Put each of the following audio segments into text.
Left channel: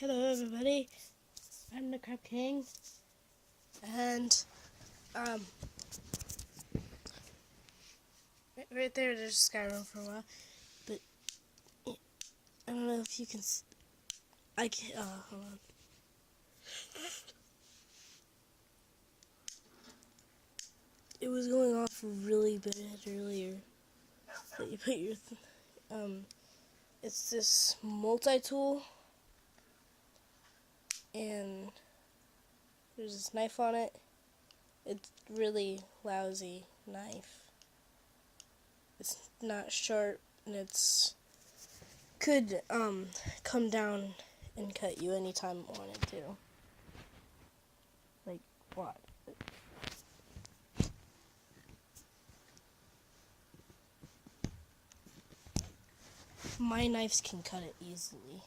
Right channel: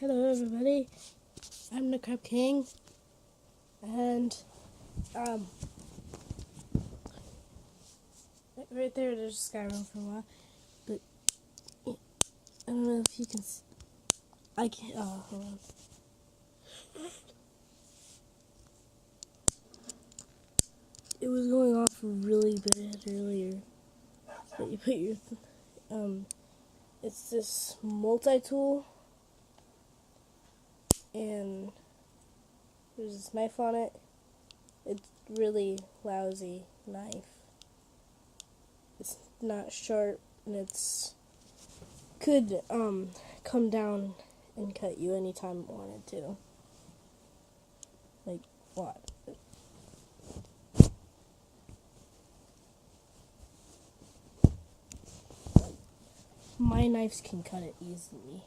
Hello everybody, I'm the Crab King, and right there there's Skyrim for a while, but I don't know if you can, I can't, hold on. It was going off really bad earlier, but you put your, it's this multi-tool, and there's this knife on it. It's really lousy knife. It's not sharp, and it's could come down and cut you anytime it wanted to. Like what? My knives can cut it easily.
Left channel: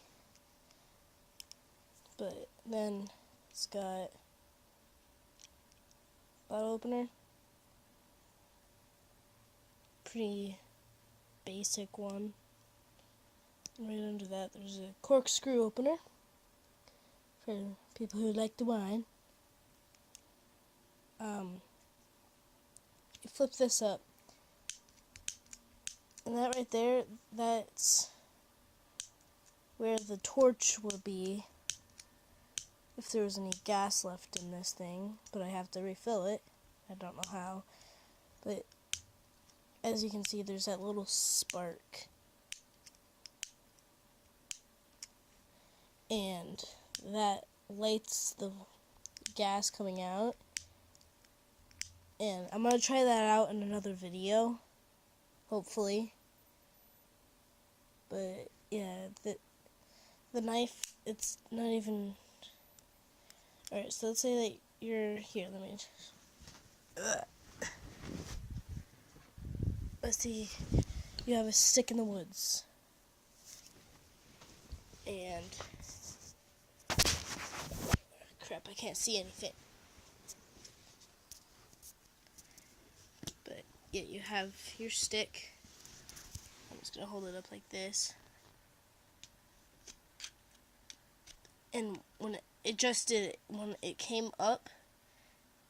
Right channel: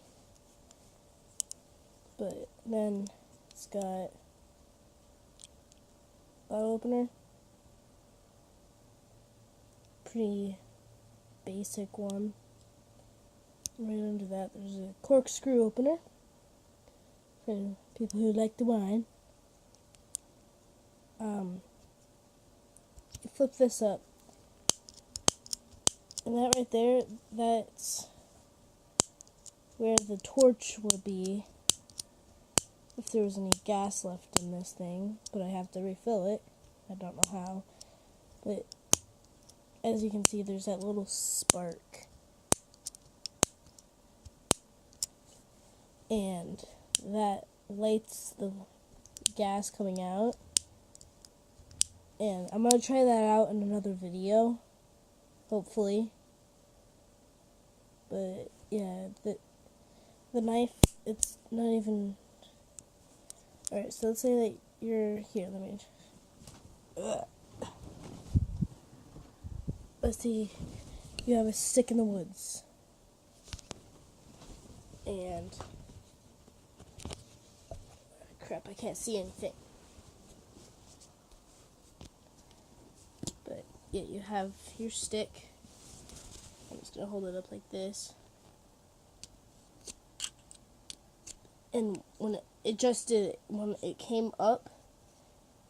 But then it's got bottle opener. Pretty basic one. Right under that there's a corkscrew opener for people who like the wine. You flip this up, and that right there, that's where the torch will be if there was any gas left in this thing, but I have to refill it. I don't know how, but as you can see, there's that little spark. And that lights the gas coming out. And I'm going to try that out in another video, hopefully. But yeah, the knife, it's not even... Alright, so let's say that you're here, let's see, you have a stick in the woods. And... crap, I can't see anything. But yeah, you have your stick. I'm just gonna hold it up like this. And when when it came up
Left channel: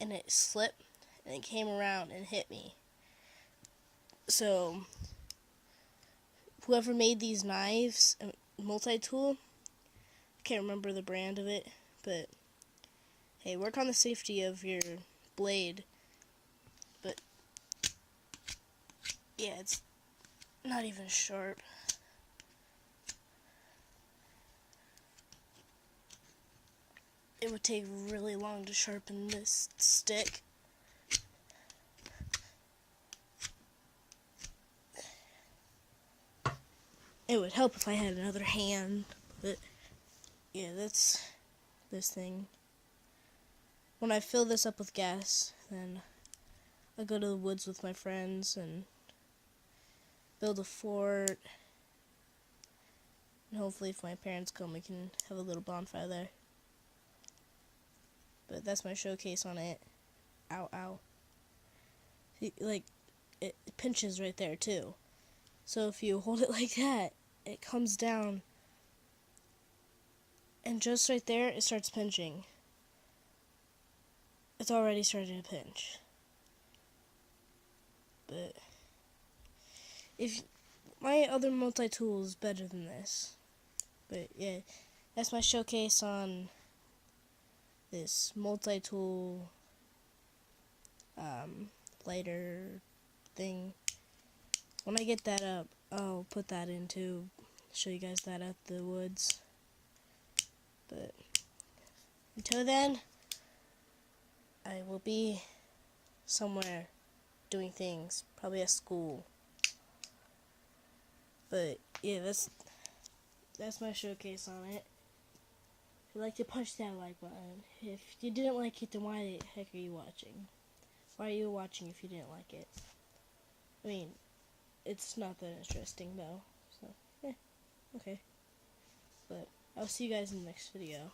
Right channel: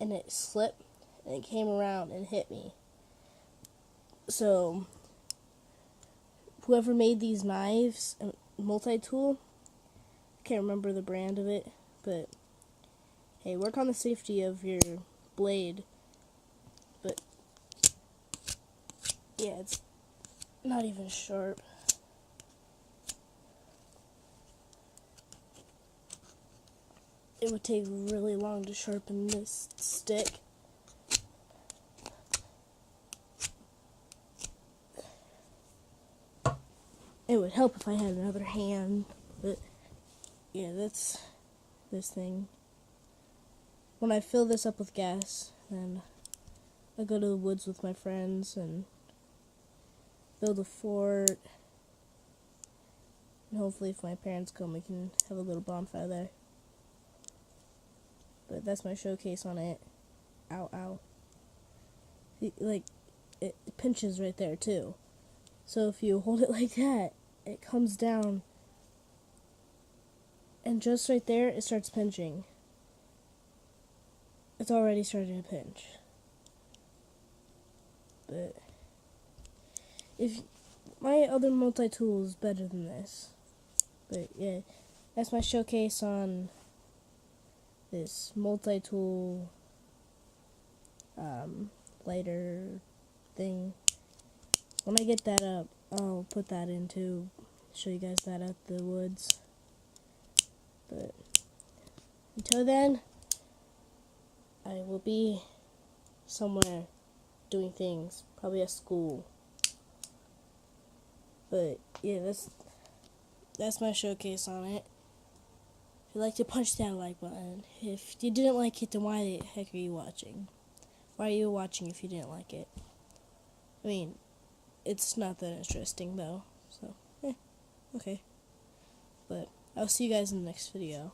and it slipped and it came around and hit me. So whoever made these knives, multi-tool, I can't remember the brand of it, but hey, work on the safety of your blade. But yeah, it's not even sharp. It would take really long to sharpen this stick. It would help if I had another hand, but yeah, that's this thing. When I fill this up with gas, then I go to the woods with my friends and build a fort. And hopefully if my parents come, we can have a little bonfire there. But that's my showcase on it. Ow, ow. Like, it pinches right there too. So if you hold it like that, it comes down. And just right there, it starts pinching. It's already starting to pinch. But if my other multi-tool is better than this. But yeah, that's my showcase on this multi-tool lighter thing. When I get that up, I'll put that in too. Show you guys that at the woods. But until then, I will be somewhere doing things, probably at school. But yeah, that's my showcase on it. If you like to punch that like button. If you didn't like it, then why the heck are you watching? Why are you watching if you didn't like it? I mean, it's not that interesting though, so okay. But I'll see you guys in the next video.